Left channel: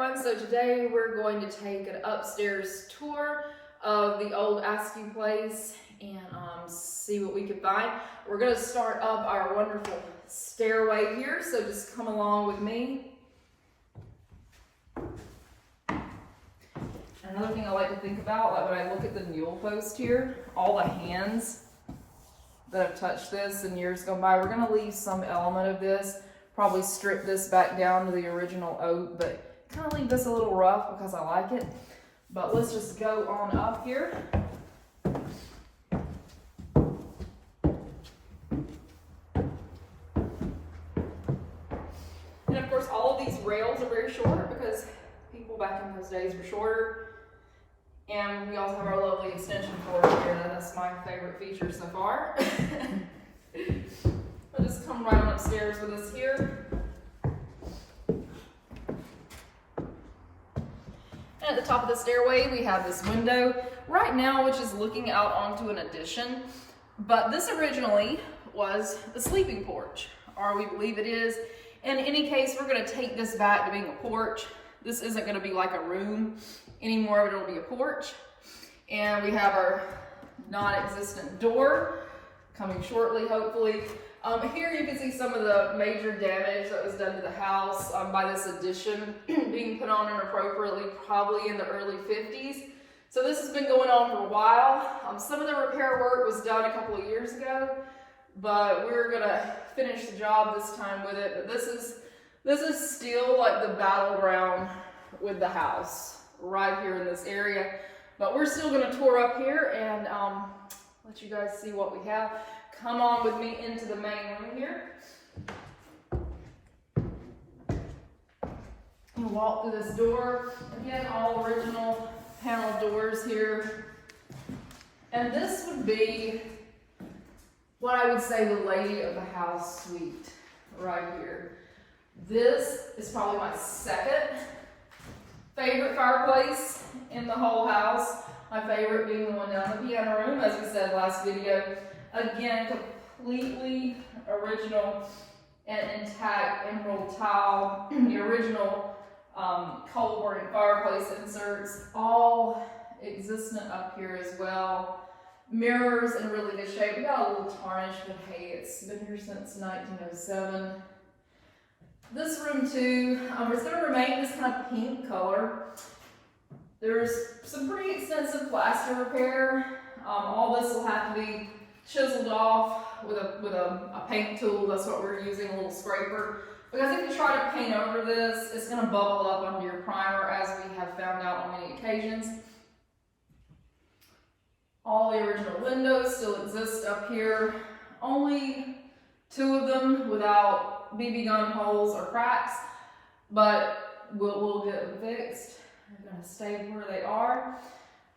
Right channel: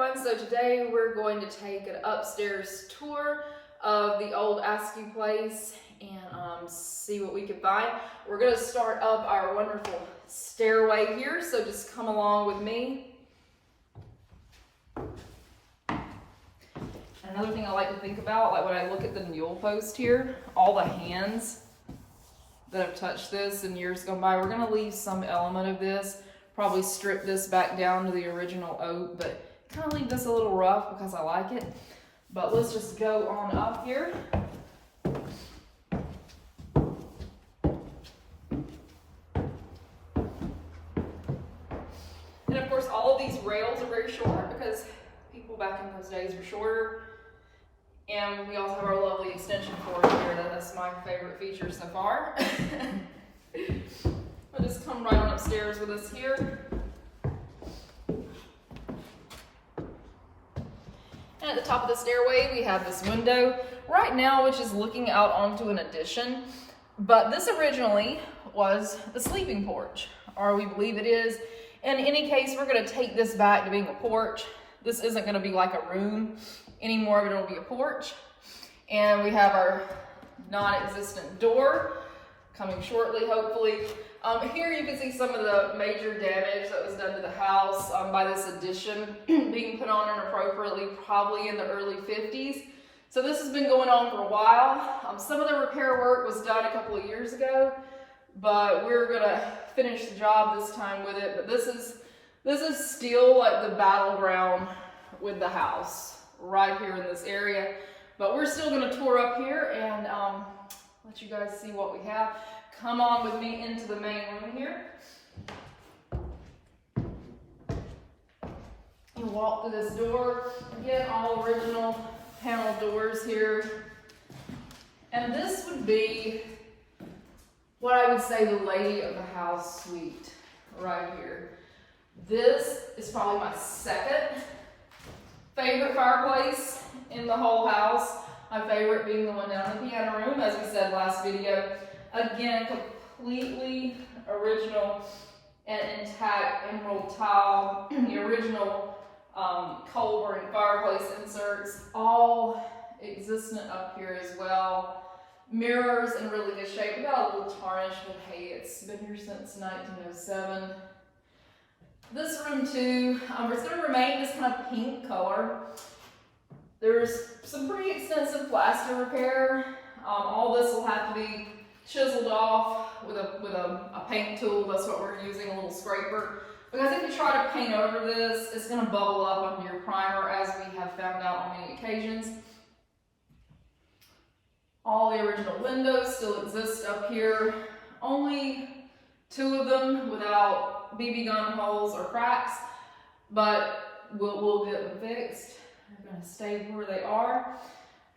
everyone, so today we're going to take an upstairs tour of the old Askew place and see what we can find. We're going to start up our wonderful stairway here, so just come along with me. Another thing I like to think about, like when I look at the mule post here, all the hands that have touched this in years gone by, we're going to leave some element of this, probably strip this back down to the original oak, but kind of leave this a little rough because I like it. But let's just go on up here. And of course, all of these rails are very short because people back in those days were shorter. And we also have our lovely extension cord here. That's my favorite feature so far. We'll just come right on upstairs with us here. And at the top of the stairway, we have this window right now, which is looking out onto an addition. But this originally was the sleeping porch, or we believe it is. In any case, we're going to take this back to being a porch. This isn't going to be like a room anymore, but it'll be a porch. And we have our non-existent door coming shortly, hopefully. Here you can see some of the major damage that was done to the house by this addition being put on inappropriately, probably in the early 50s. So this has been going on for a while. Some of the repair work was done a couple of years ago, but we're gonna finish the job this time with it. But this is still like the battleground with the house right here in this area. But we're still gonna tour up here and let you guys see what we have. Come on with me into the main room here. You walk through this door. Again, all original panel doors here. And this would be what I would say the lady of the house suite right here. This is probably my second favorite fireplace in the whole house. My favorite being the one down in the piano room, as we said last video. Again, completely original and intact emerald tile, the original coal burning fireplace inserts, all existent up here as well. Mirrors in really good shape. We got a little tarnish, but hey, it's been here since 1907. This room too, it's going to remain this kind of pink color. There's some pretty extensive plaster repair. All this will have to be chiseled off with a paint tool. That's what we're using, a little scraper. Because if you try to paint over this, it's going to bubble up under your primer, as we have found out on many occasions. All the original windows still exist up here. Only 2 of them without BB gun holes or cracks, but we'll get them fixed. They're going to stay where they are.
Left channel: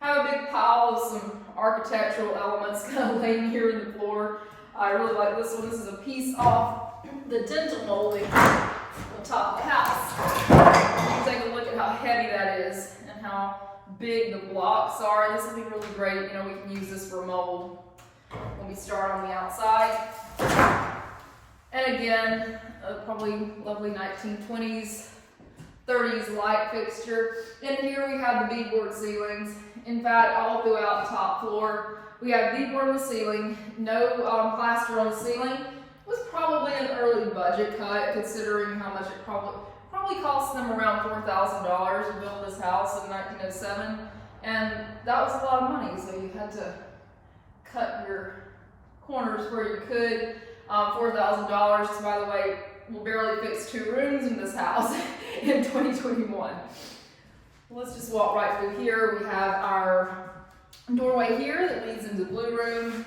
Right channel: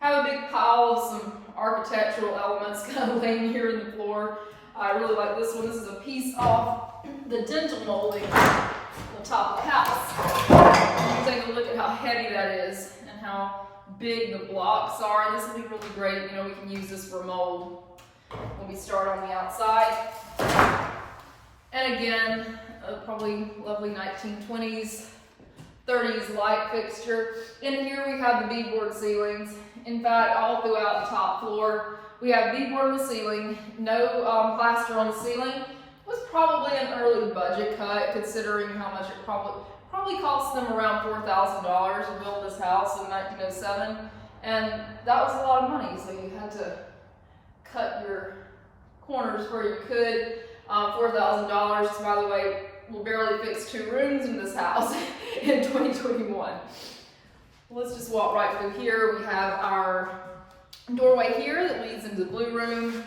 Have a big pile of some architectural elements kind of laying here in the floor. I really like this one. This is a piece off the dental molding on the top of the house. Take a look at how heavy that is and how big the blocks are. This will be really great. You know, we can use this for mold when we start on the outside. And again, probably lovely 1920s, 30s light fixture. In here we have the beadboard ceilings. In fact, all throughout the top floor, we have beadboard on the ceiling, no plaster on the ceiling. It was probably an early budget cut, considering how much it probably cost them around $4,000 to build this house in 1907. And that was a lot of money, so you had to cut your corners where you could. $4,000, by the way, will barely fix 2 rooms in this house in 2021. Let's just walk right through here. We have our doorway here that leads into the blue room,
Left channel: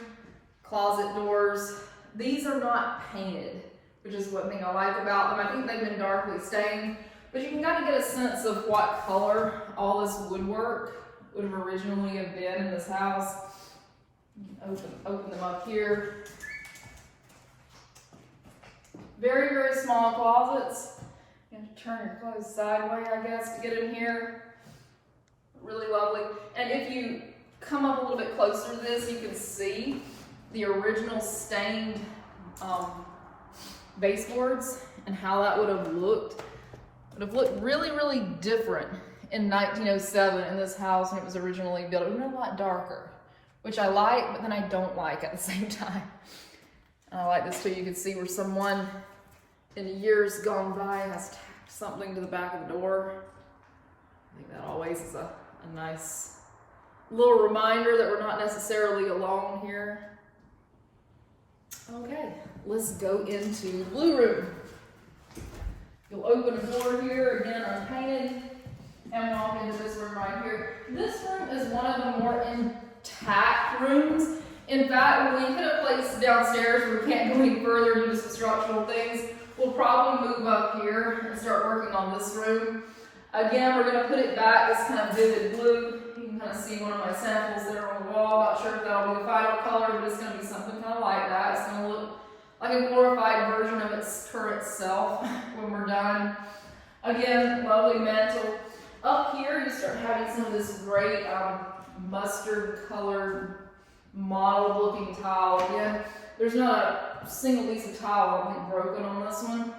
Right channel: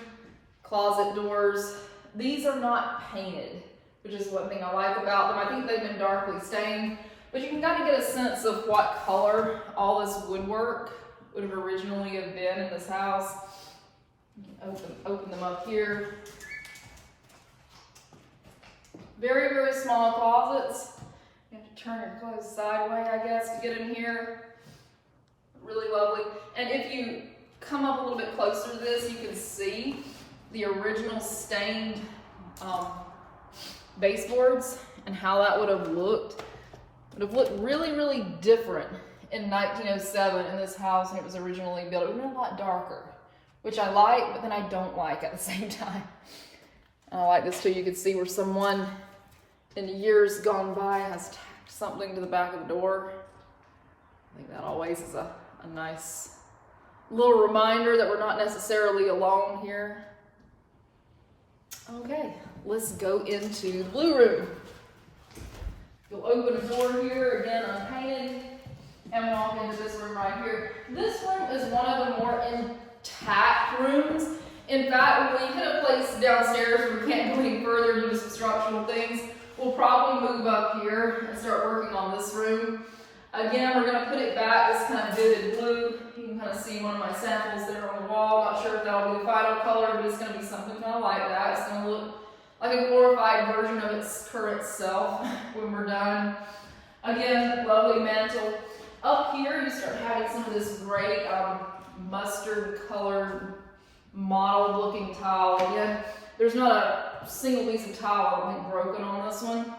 closet doors. These are not painted, which is one thing I like about them. I think they've been darkly stained, but you can kind of get a sense of what color all this woodwork would have originally have been in this house. Open them up here. Very, very small closets. You have to turn your clothes sideways, I guess, to get in here. Really lovely. And if you come up a little bit closer to this, you can see the original stained baseboards and how that would have looked would have looked really, really different in 1907 in this house when it was originally built. It would have been a lot darker, which I like, but then I don't like at the same time. And I like this too. You can see where someone in the years gone by has tacked something to the back of the door. I think that always is a nice little reminder that we're not necessarily alone here. Okay, let's go into the blue room. You'll open a door here, again unpainted, and walk into this room right here. This room is one of the more intact rooms. In fact, when we put a place downstairs where we can't go any further due to some structural things, we'll probably move up here and start working on this room. Again, we're going to put it back this kind of vivid blue. You can kind of see one of my samples there on the wall. Not sure if that'll be the final color, but it's going to be something kind of like that. It's going to look like a glorified version of its current self when we're done. Again, lovely mantle. Up here, you start having some of this great mustard colored mottled looking tile. Again, there's not a single piece of tile I don't think broken on this one.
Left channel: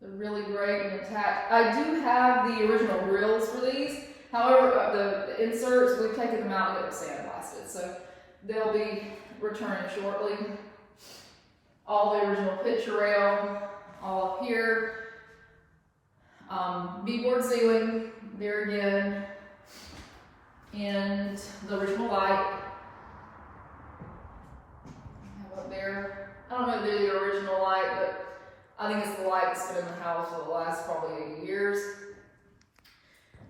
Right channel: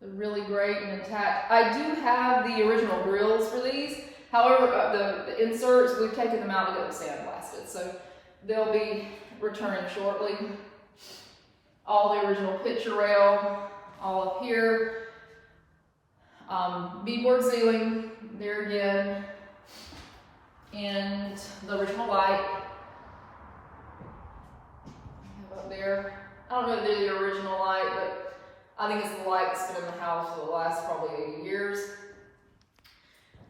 They're really great and intact. I do have the original grills for these. However, the inserts, we've taken them out to get them sandblasted, so they'll be returning shortly. All the original picture rail, all up here. Beadboard ceiling, there again. And the original light. Up there. I don't know if they're the original light, but I think it's the light that's been in the house for the last probably 80 years.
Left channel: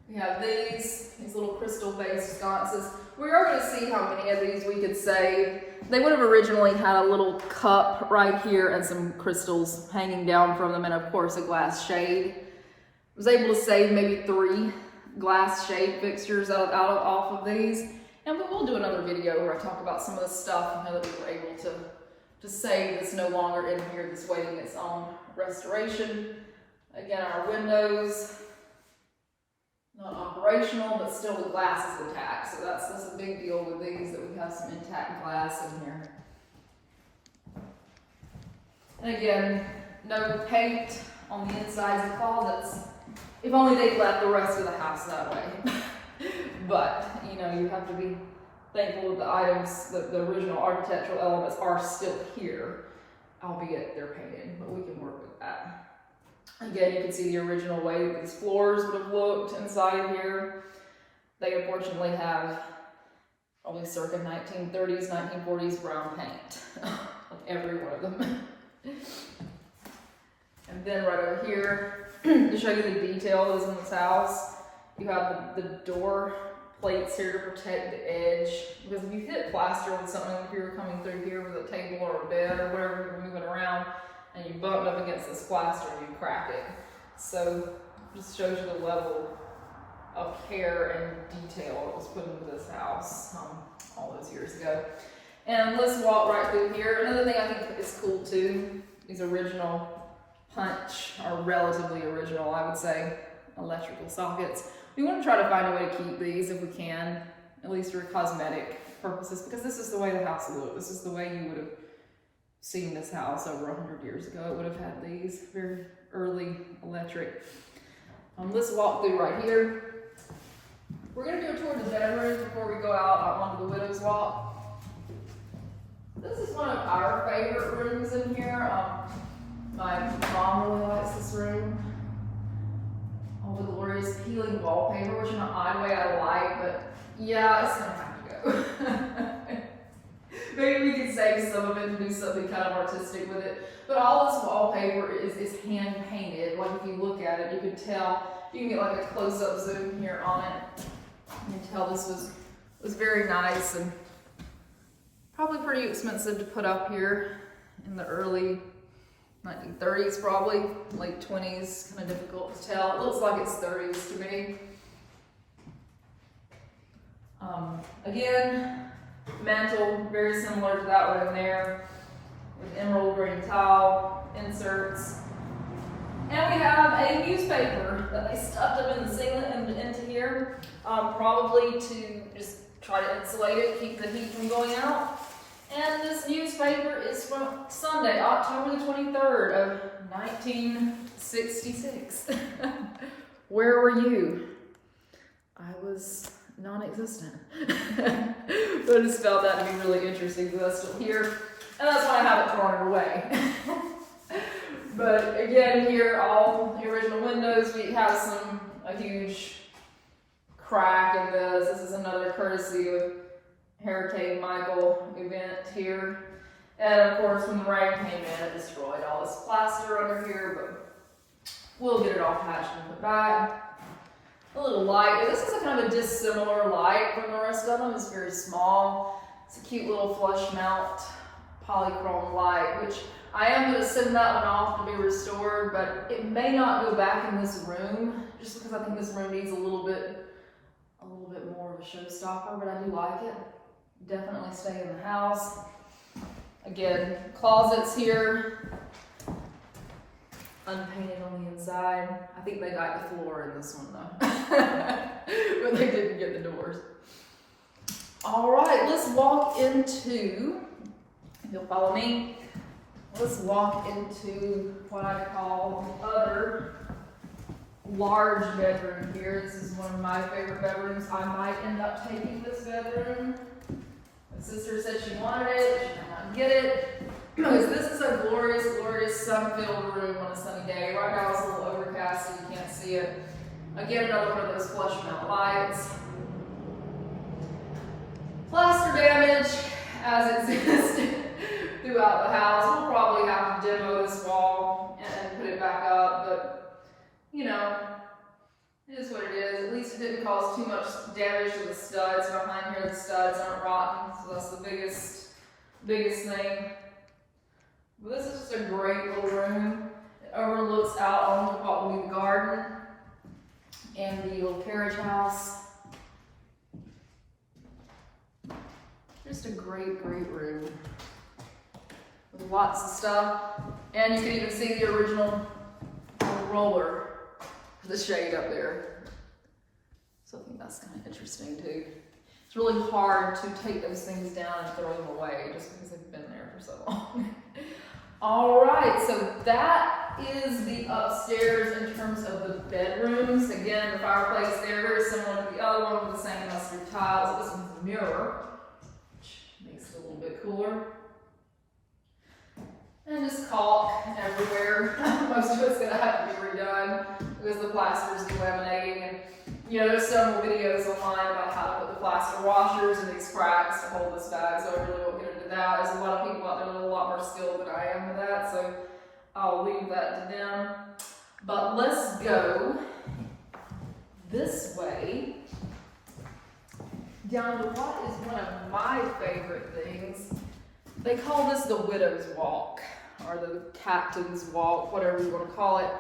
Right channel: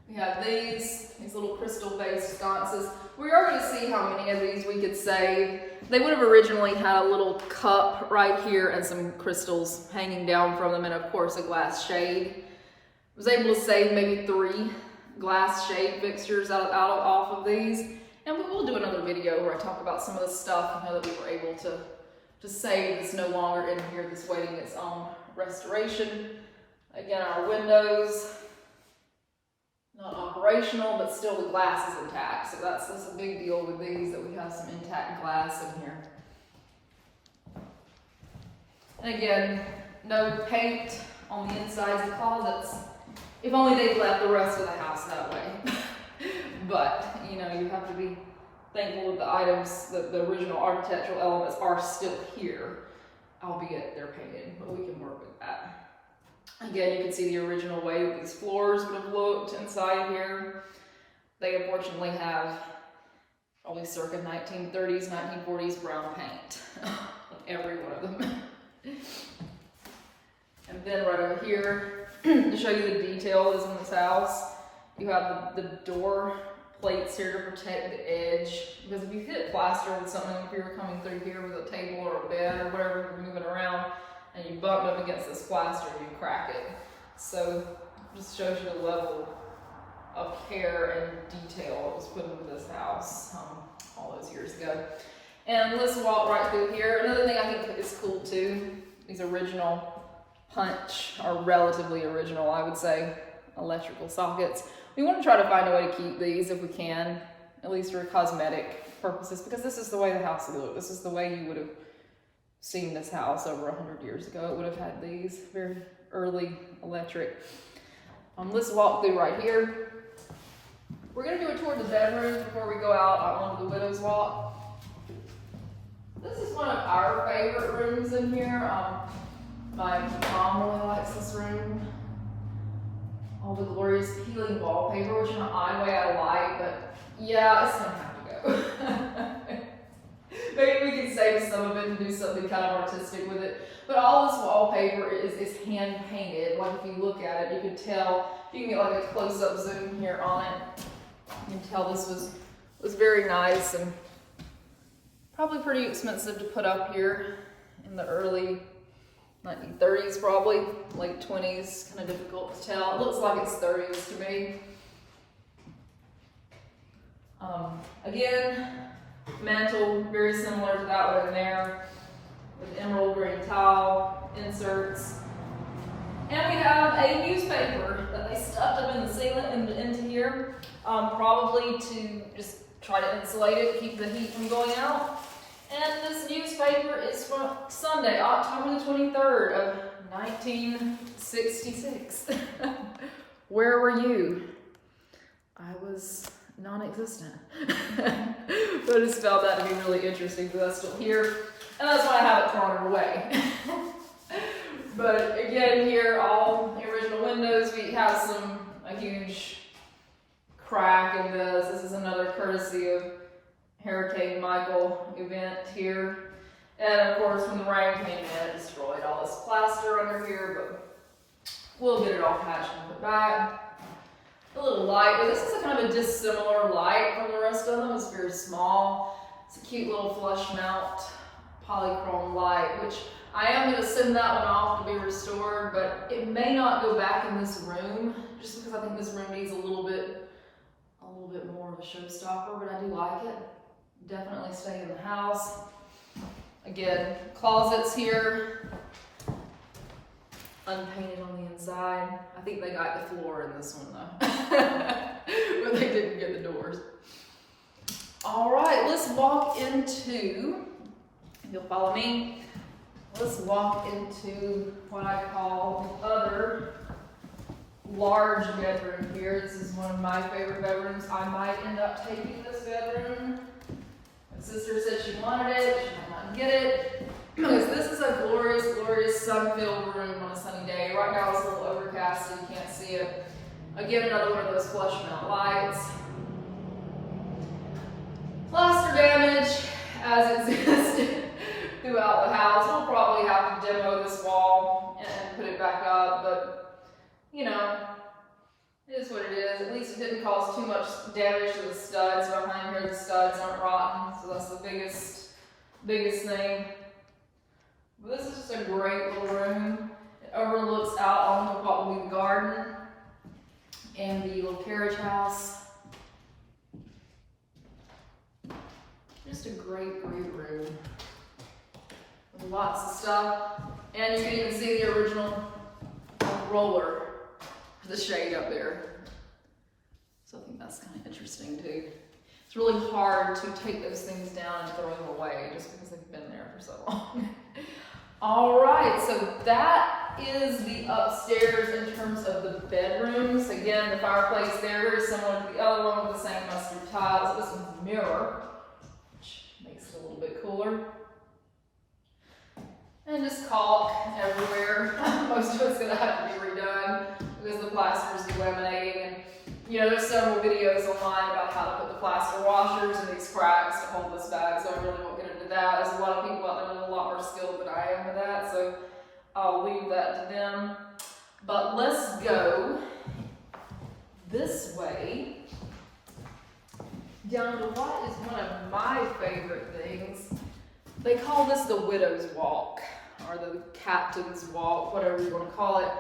We have these little crystal-based sconces. We are going to see how many of these we could save. They would have originally had a little cup right here and some crystals hanging down from them, and of course a glass shade. I was able to save maybe 3 glass shade fixtures off of these. And we'll do another video where I talk about some of the stuff that we were able to save that's no longer in here, that's waiting its own restoration. Again, our windows, not operational, but still the glass is intact. So that's a big deal with these, that we have some intact glass in here. And again, no paint on the insides of closets. If only they'd left the rest of the house that way. But, you have to be thankful that the items, the original architectural elements are still here, albeit they're painted, but we can work with that. Again, you can see the original way these floors would have looked inside here. They unfortunately have probably circa 1930s, 1940s brown paint on every one of them. And then right over here, to show you the detail that is in this house, you have the door plates here to protect the edge, because if you hit plaster with something, if you were coming through here with a table or a bed or whatever you're moving around, and you bump up against this plaster, you crack it. So it just shows you the level of care and detail that was put into this house all those years ago. And let's walk right through here. Another thing I think is cool too, these original punch, or relatively original, I would say, electrical sockets. We want to try to find a way to keep these if we can, at least for cosmetic purposes, because this is the way the house looked. This is the way you would have seen this house over 100 years ago. It would have had these very early electric. Let's walk through right here. We're going to do a tour of the bedroom before we go out onto the widow's walk. This is one of our favorite rooms in here. My mom really likes this room. All the glorious peeling wallpaper, which in an odd way I like, but yeah, it's gonna have to go. Maybe we can save some of it and do something kind of artistic with it. But all this wallpaper is hand painted. Like if you look at it, you can tell, you can get like a close-up zoom here on it. You can tell this was very nice and probably pretty expensive to put up here in the early 1930s, probably late 20s, kind of difficult to tell. It looks like it's 30s to me. Again, mantle very similar to that one in there, with emerald green tile inserts. And we have a newspaper that they stuffed up in the ceiling and into here, probably to just try to insulate it, keep the heat from going out. And this newspaper is from Sunday, October the 23rd of 1966. Where were you? I was non-existent. But I just found that to be really interesting because that's still here. And that's why I haven't thrown it away. But again, here, all the original windows. We have a huge crack in this. This is another courtesy of Hurricane Michael event here. And of course, when the rain came in, it destroyed all this plaster under here, but we'll get it all patched and put back. A little light. This is a kind of a dissimilar light from the rest of them. It's very small. It's a cute little flush mount polychrome light, which I am going to send that one off to be restored, but it may not go back in this room, just because I think this room needs a little bit more of a showstopper, but I do like it. Definitely stay in the house. Again, closets here, unpainted on the inside. I think they got the floor in this one though, but they didn't get the doors. All right, let's walk into, if you'll follow me, let's walk into what I call the other large bedroom here. This is one of my favorite bedrooms. I might end up taking this bedroom. My sister said she wanted it, she did not get it. Because this is a glorious, glorious sun-filled room on a sunny day. Right now it's a little overcast so you can't see it. Again, another one of those flush mount lights. Plaster damage as existed throughout the house. We'll probably have to demo this wall and put it back up, but you know, it is what it is. At least it didn't cause too much damage to the studs. Behind here, the studs aren't rotten, so that's the biggest thing. But this is just a great little room. It overlooks out onto what will be the garden and the little carriage house. Just a great, great room. Lots of stuff. And you can even see the original roller, the shade up there. So I think that's kind of interesting too. It's really hard to take those things down and throw them away just because they've been there for so long. All right, so that is the upstairs in terms of the bedrooms. Again, the fireplace there, very similar to the other one with the same mustard tiles. This one's a mirror, which makes it a little bit cooler. And just caulk everywhere. Most of it's gonna have to be redone because the plaster is delaminating. And you know, there's several videos online about how to put the plaster washers in these cracks to hold this back, so I really won't get into that. There's a lot of people out there with a lot more skill than I am with that, so I'll leave that to them. But let's go this way down to what is one of my favorite things. They call this the widow's walk, or the captain's walk, whatever you want to call it.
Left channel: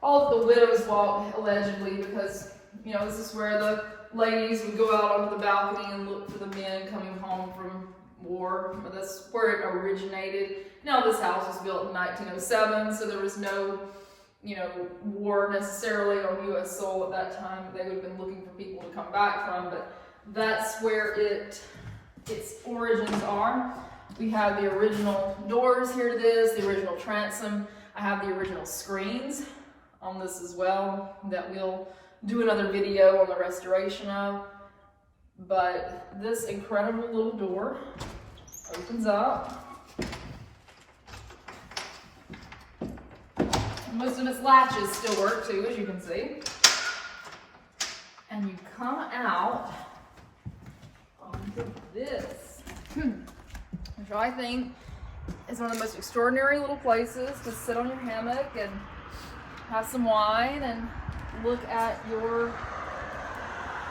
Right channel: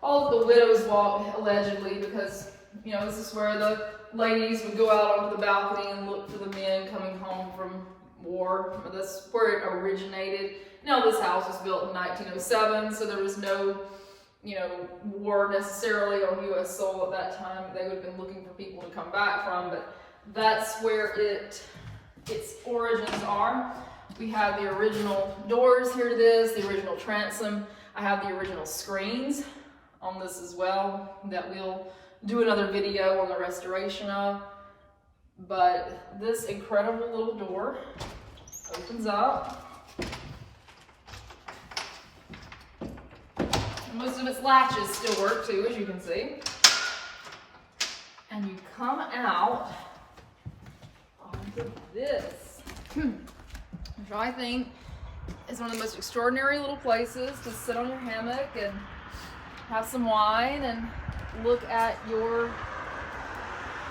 Call it the widow's walk, allegedly, because, you know, this is where the ladies would go out onto the balcony and look for the men coming home from war. That's where it originated. Now, this house was built in 1907, so there was no, you know, war necessarily on U.S. soil at that time. They would have been looking for people to come back from, but that's where its origins are. We have the original doors here to this, the original transom. I have the original screens on this as well that we'll do another video on the restoration of. But this incredible little door opens up. Most of its latches still work too, as you can see. And you come out onto this, which I think is one of the most extraordinary little places to sit on your hammock and have some wine and look at your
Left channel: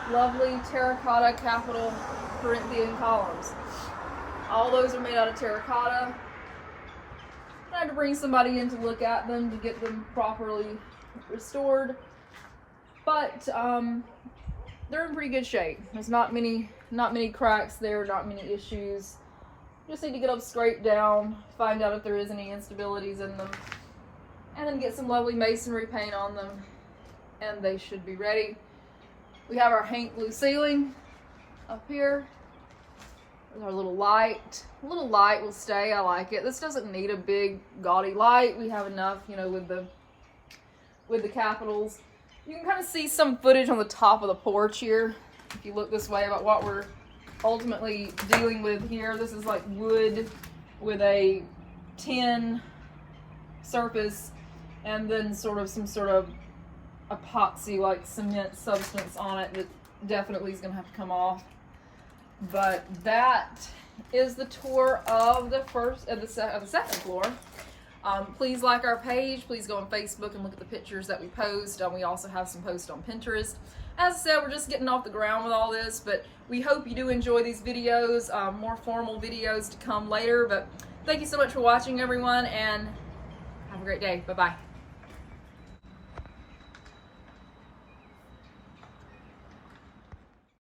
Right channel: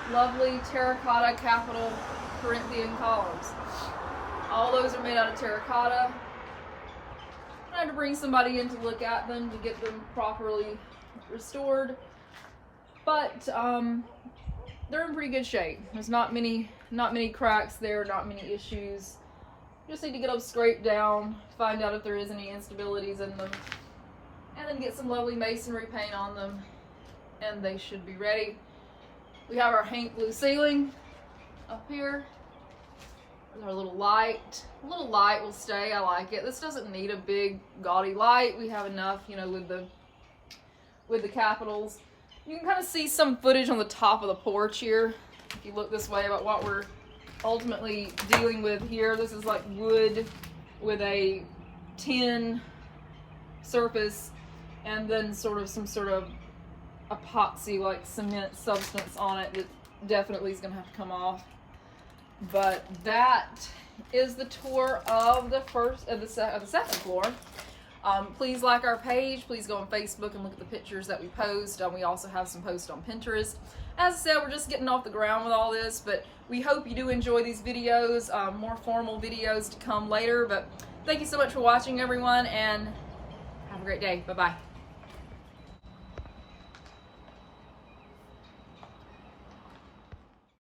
lovely terracotta Capitol Corinthian columns. All those are made out of terracotta. I had to bring somebody in to look at them to get them properly restored, but they're in pretty good shape. There's not many cracks there, not many issues. Just need to get them scraped down, find out if there is any instabilities in them, and then get some lovely masonry paint on them, and they should be ready. We have our Hank blue ceiling up here, Our little light will stay. I like it. This doesn't need a big gaudy light. We have enough, you know, with the capitals. You can kind of see some footage on the top of the porch here. If you look this way about what we're ultimately dealing with here. This is like wood with a tin surface and then some sort of epoxy like cement substance on it that definitely is going to have to come off. But that is the tour of the second floor. Please like our page. Please go on Facebook and look at the pictures that we post. We also have some posts on Pinterest. As I said, we're just getting off the ground with all this, but we hope you do enjoy these videos. More formal videos to come later. But thank you so much for watching, everyone, and have a great day. Bye-bye.